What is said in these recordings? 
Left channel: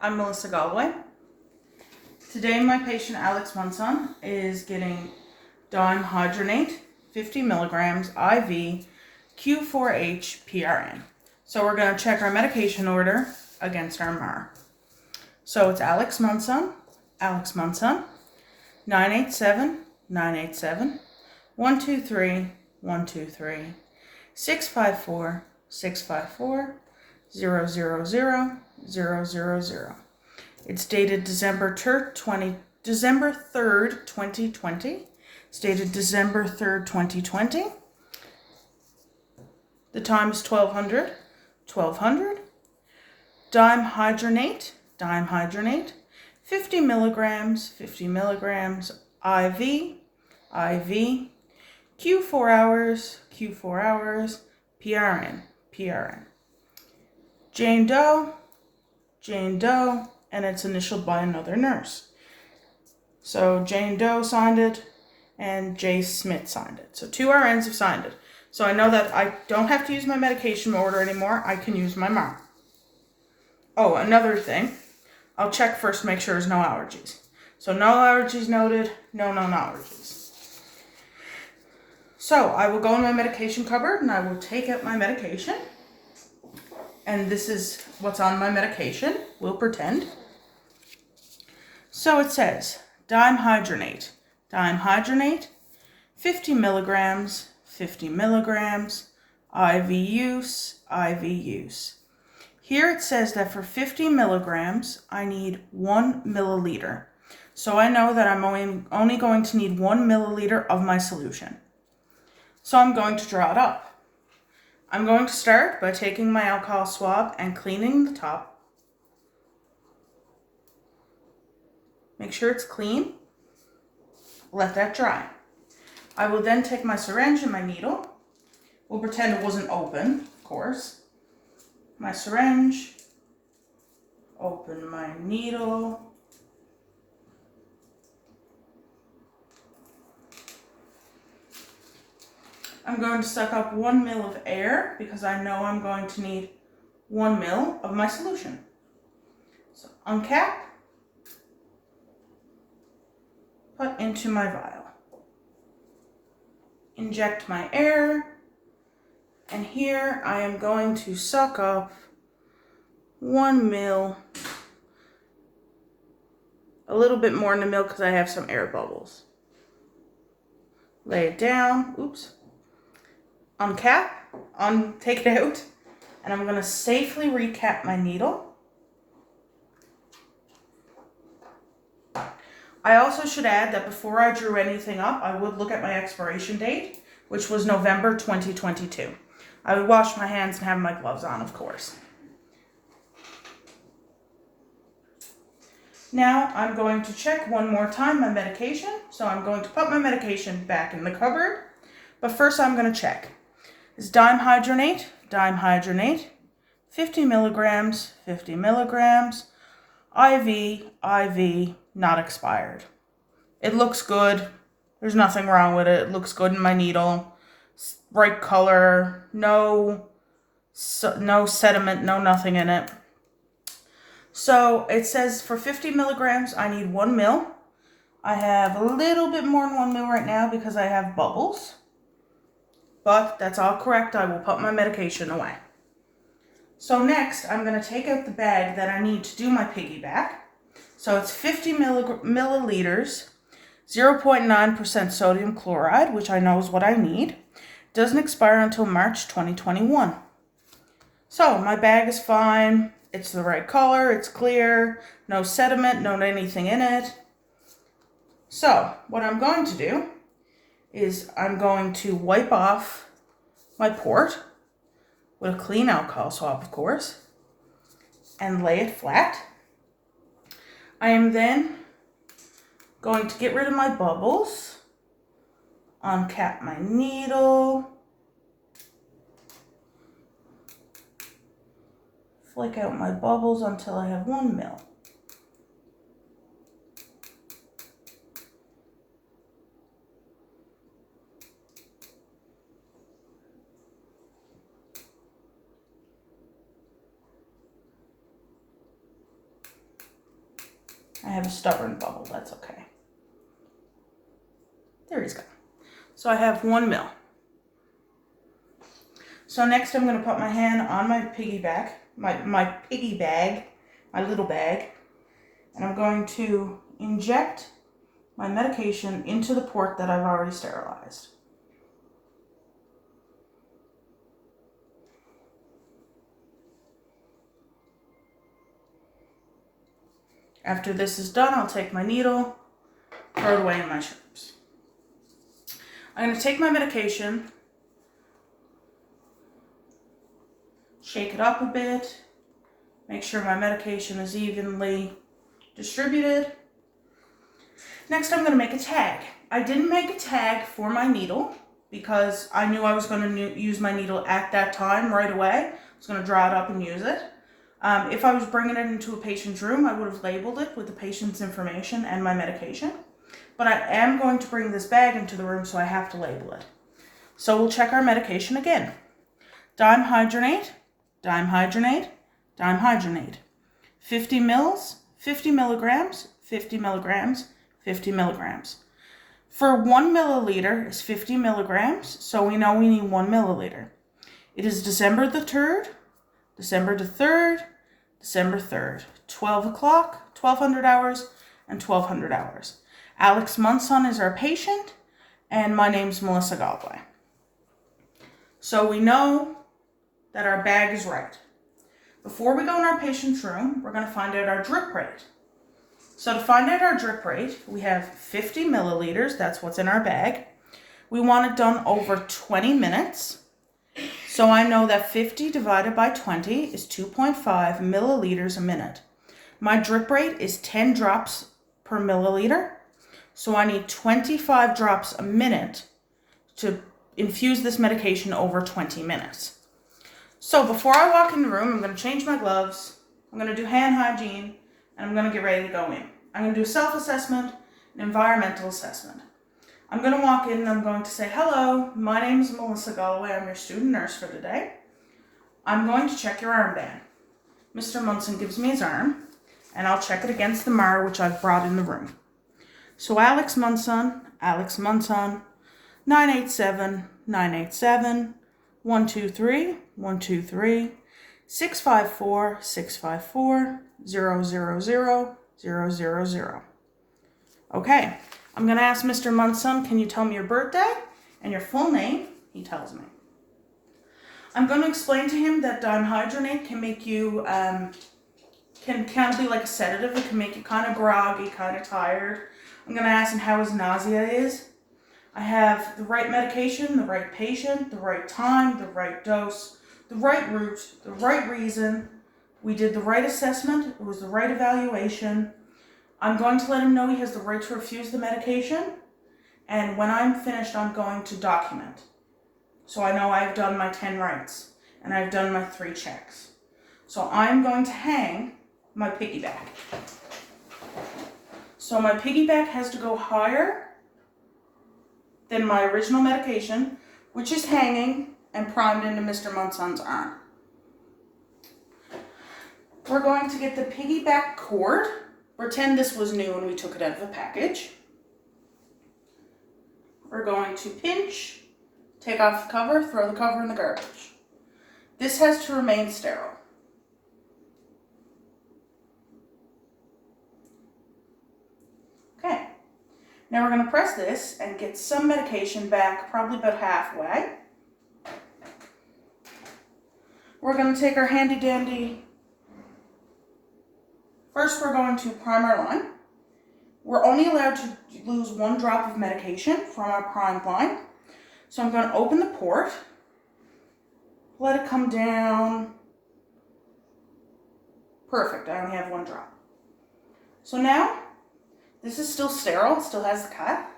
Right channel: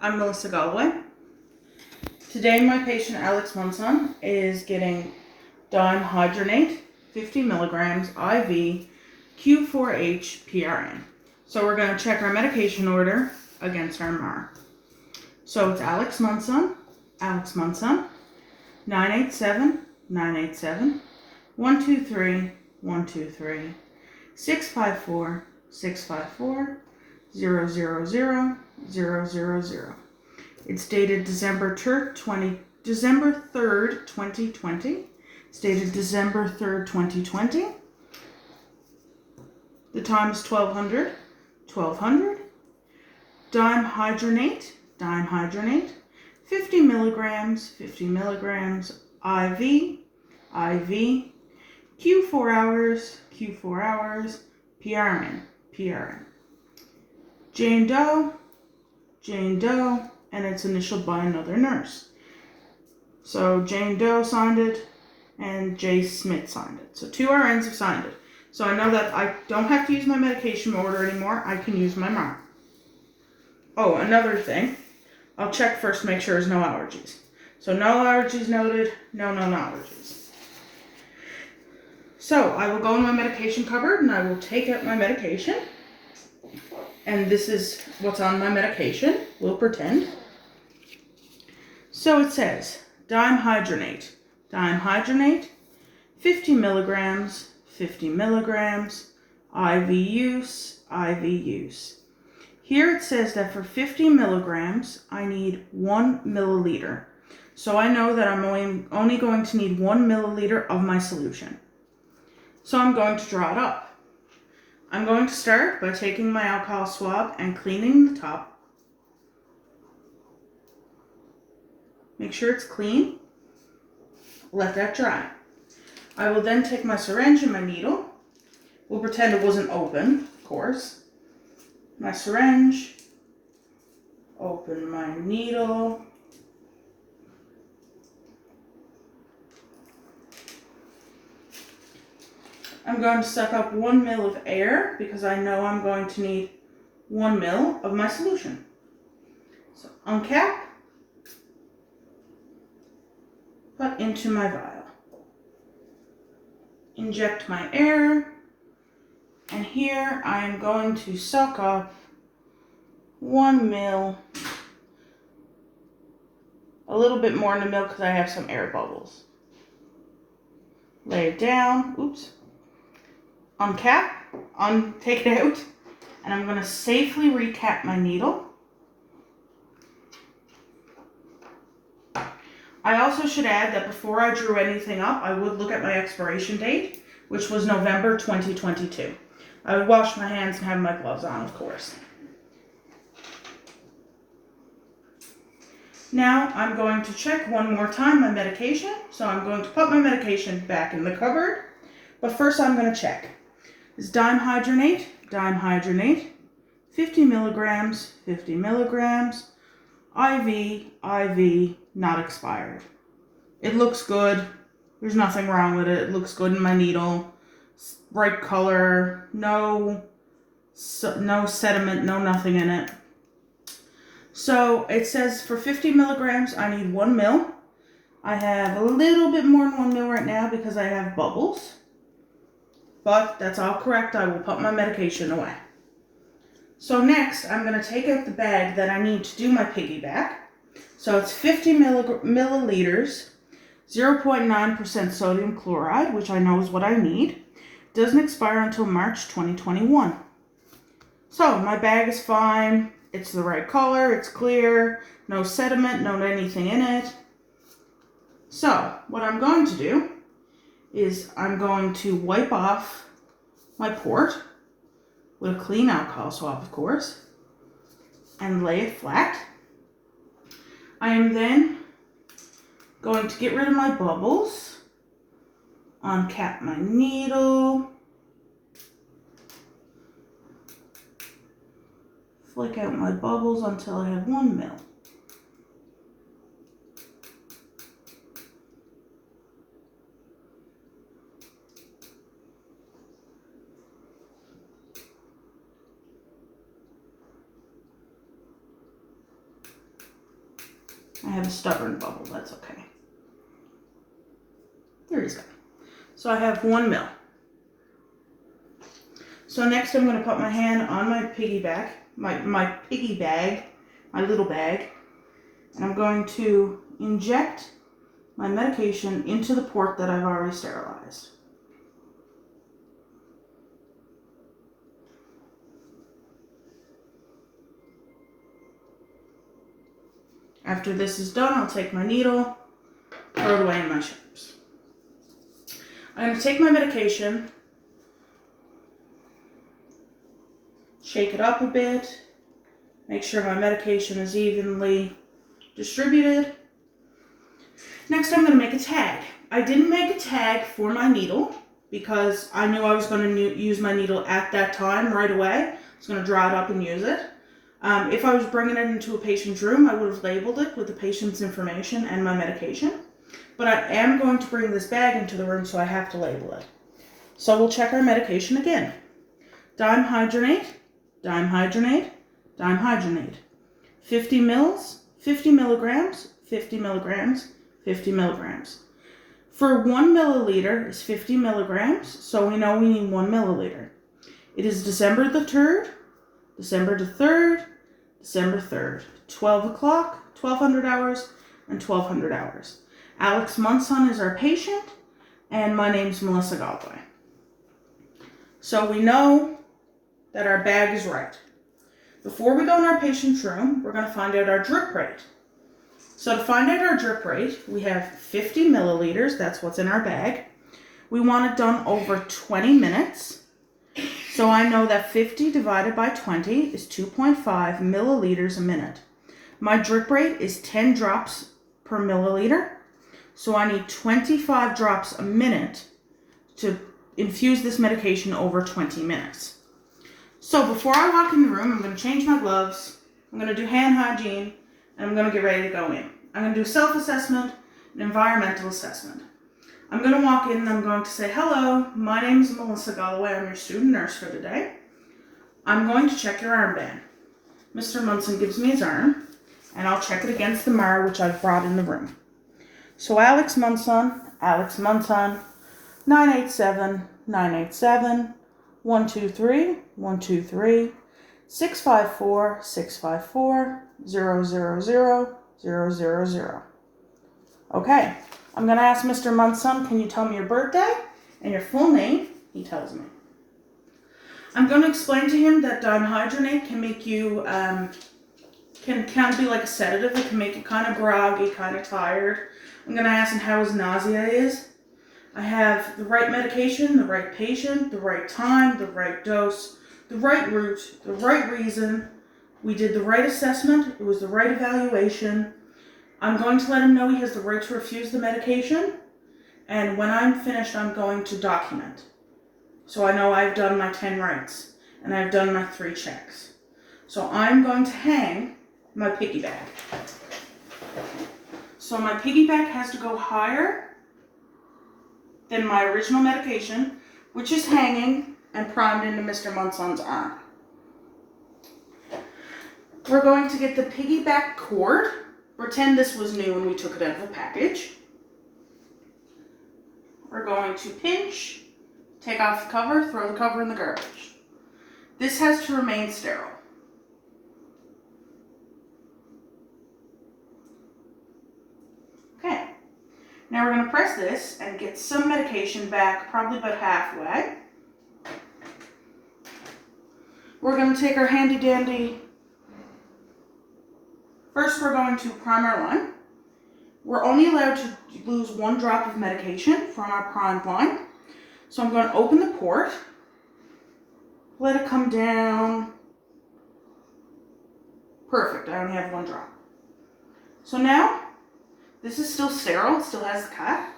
I'm Melissa Galway. Today my patient Alex Monson is getting dihydronate 50 milligrams IV Q4H PRN. So we're going to check our medication order against our MAR. So it's Alex Monson, 987, 987, 123, 123, 654, 654, 000, 000. It's dated December 3rd, 2020. It's dated December 3rd, 2020. The time is 1200. Dihydronate, 50 milligrams, IV, Q4 hours, PRN. Jane Doe, and it's initialed by another nurse. So Jane Doe signed it and Jay Smith signed it. So 2 RNs have signed it. So I know that I don't have to use my medication order anymore. I can use my MAR. Oh, another thing. I'll check first to make sure there's no allergies. So no allergies noted, no allergies. So I will go in my medication cupboard and I will take out my medication. And this is what's on my medication. We'll pretend. So it says dihydronate, 50 milligrams, IV use. Here it says that for 50 milligrams, I need 1 milliliter. So I know that I'm only going to need 1 milliliter of my solution. So I'm going to draw it up. I'm going to start by taking my alcohol swab and cleaning the top. Make sure it's clean. Let that dry. I will then take my syringe and my needle. We'll pretend it wasn't open, of course. My syringe, open my needle. I'm going to suck up 1 ml of air because I know I'm going to need 1 ml of my solution. So uncap, put into my vial. Inject my air, and here I am going to suck up 1 ml, a little bit more in the milk because I have some air bubbles. Lay it down, oops. Uncap, take it out, and I'm going to safely recap my needle. I also should add that before I drew anything up, I would look at my expiration date, which was November 2022. I would wash my hands and have my gloves on, of course. Now I'm going to check one more time my medication. So I'm going to put my medication back in the cupboard, but first I'm going to check. Is dihydronate, 50 milligrams, IV, not expired. It looks good. There's nothing wrong with it. It looks good in my needle. Bright color, no sediment, no nothing in it. So it says for 50 milligrams, I need 1 ml. I have a little bit more than 1 ml right now because I have bubbles. But that's all correct. I will put my medication away. So next, I'm going to take out the bag that I need to do my piggyback. So it's 50 milliliters, 0.9% sodium chloride, which I know is what I need. Doesn't expire until March 2021. So my bag is fine. It's the right color. It's clear. No sediment, no anything in it. So what I'm going to do is I'm going to wipe off my port with a clean alcohol swab, of course, and lay it flat. I am then going to get rid of my bubbles, uncap my needle, flick out my bubbles until I have 1 ml. I have a stubborn bubble, that's okay. There he's go. So I have 1 ml. So next I'm going to put my hand on my piggyback, my piggy bag, my little bag, and I'm going to inject my medication into the port that I've already sterilized. After this is done, I'll take my needle, throw it away in my chips. I'm going to take my medication, shake it up a bit, make sure my medication is evenly distributed. Next, I'm going to make a tag. I didn't make a tag for my needle because I knew I was going to use my needle at that time right away. I was going to draw it up and use it. If I was bringing it into a patient's room, I would have labeled it with the patient's information and my medication. But I am going to bring this bag into the room, so I have to label it. So we'll check our medication again. Dihydrogenate, dihydrogenate, dihydrogenate. 50 mils, 50 milligrams, 50 milligrams, 50 milligrams. For 1 milliliter is 50 milligrams, so we know we need 1 milliliter. It is December the 3rd, December the 3rd, December 3rd, 12 o'clock, 1200 hours, and 1200 hours. Alex Munson is our patient, and my name's Melissa Galway. So we know that our bag is right. Before we go in our patient's room, we're going to find out our drip rate. So to find out our drip rate, we have 50 milliliters, that's what's in our bag. We want it done over 20 minutes. So I know that 50 divided by 20 is 2.5 milliliters a minute. My drip rate is 10 drops per milliliter. So I need 25 drops a minute to infuse this medication over 20 minutes. So before I walk in the room, I'm going to change my gloves, I'm going to do hand hygiene, and I'm going to get ready to go in. I'm going to do a self-assessment, an environmental assessment. I'm going to walk in and I'm going to say, hello, my name is Melissa Galloway. I'm your student nurse for the day. I'm going to check your armband. Mr. Munson gives me his arm, and I'll check it against the MAR, which I've brought in the room. So Alex Munson, 987, 987, 123, 123, 654, 654, 000, 000. Okay. I'm going to ask Mr. Munson, can you tell me your birthday and your full name? He tells me. I'm going to explain to him that dihydrogenate can make you, can kind of be like a sedative. It can make you kind of groggy, kind of tired. I'm going to ask him how his nausea is. I have the right medication, the right patient, the right time, the right dose, the right route, the right reason. We did the right assessment. It was the right evaluation. I'm going to let him know he has the right to refuse the medication, and when I'm finished, I'm going to document. So I know I've done my 10 rights, and I've done my 3 checks. So I'm going to hang my piggyback. So my piggyback has to go higher than my original medication, which is hanging and primed into Mr. Munson's arm. We're going to get the piggyback cord. Pretend this was new and we took it out of a package. We're going to pinch, take off the cover, throw the cover in the garbage. This has to remain sterile. Okay, now we're going to press this and get some medication back, probably about halfway. We're going to take our handy dandy. First, we're going to prime our line. We're only allowed to lose 1 drop of medication from our primed line. So I'm going to open the port, let it come down. Perfect, I only have 1 drop. So now, this is still sterile, it still has the cap.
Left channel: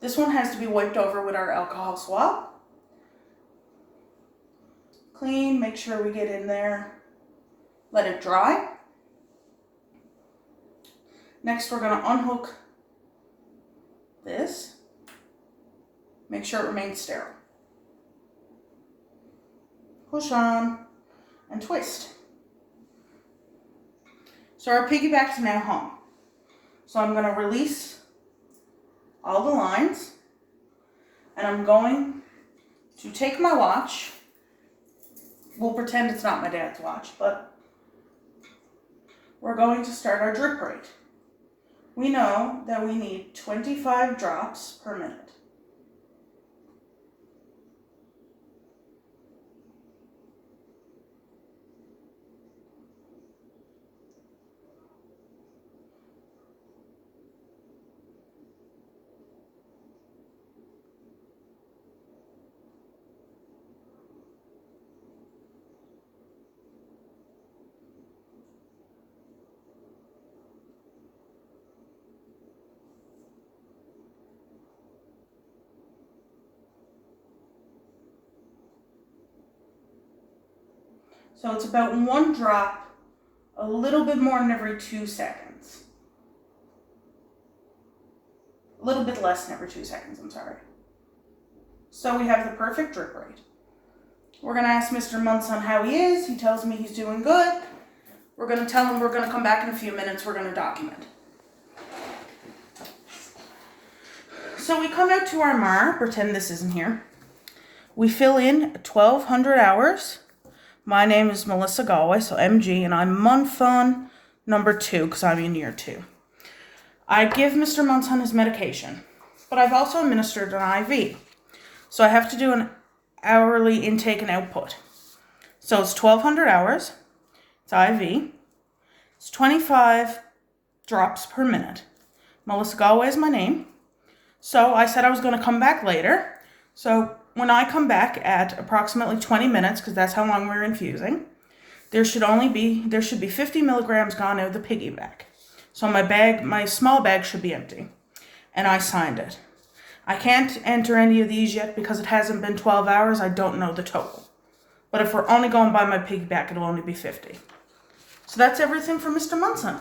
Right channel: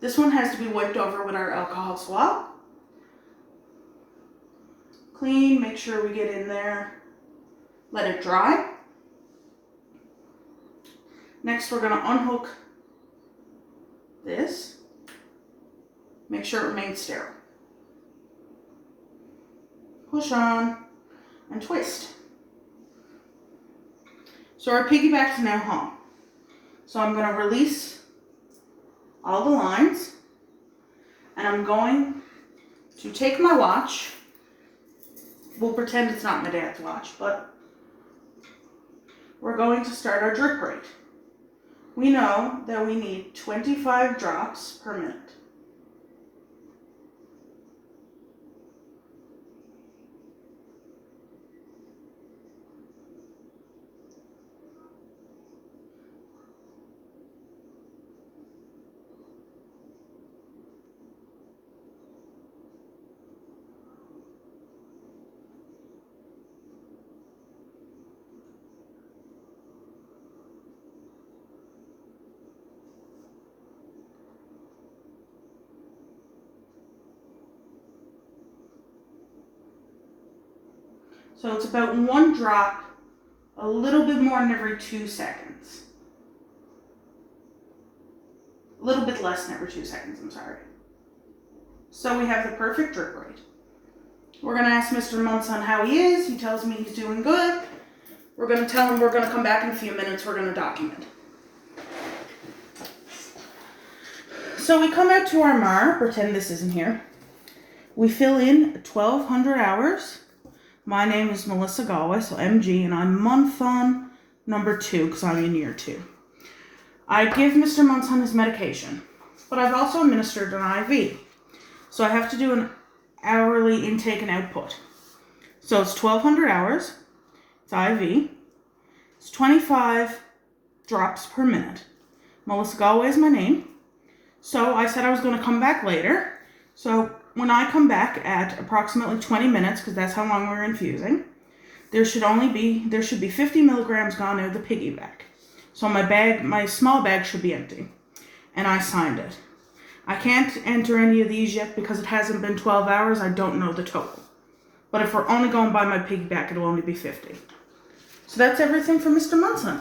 This one has to be wiped over with our alcohol swab. Clean, make sure we get in there, let it dry. Next, we're going to unhook this. Make sure it remains sterile. Push on and twist. So our piggyback is now hung. So I'm going to release all the lines, and I'm going to take my watch. We'll pretend it's not my dad's watch, but we're going to start our drip rate. We know that we need 25 drops per minute. So it's about 1 drop, a little bit more than every 2 seconds. A little bit less than every 2 seconds, I'm sorry. So we have the perfect drip rate. We're going to ask Mr. Munson how he is. He tells me he's doing good. We're going to tell him we're going to come back in a few minutes. We're going to document. So we come out to our MAR, pretend this isn't here. We fill in 1,200 hours. My name is Melissa Galway, so MG, and I'm month on number 2 because I'm in year 2. I give Mr. Munson his medication, but I've also administered an IV. So I have to do an hourly intake and output. So it's 1,200 hours, it's IV, it's 25 drops per minute. Melissa Galway is my name. So I said I was going to come back later. So when I come back at approximately 20 minutes, because that's how long we're infusing, there should be 50 milligrams gone out of the piggy bag. So my small bag should be empty. And I signed it. I can't enter any of these yet because it hasn't been 12 hours. I don't know the total. But if we're only going by my piggy bag, it'll only be 50. So that's everything for Mr. Munson.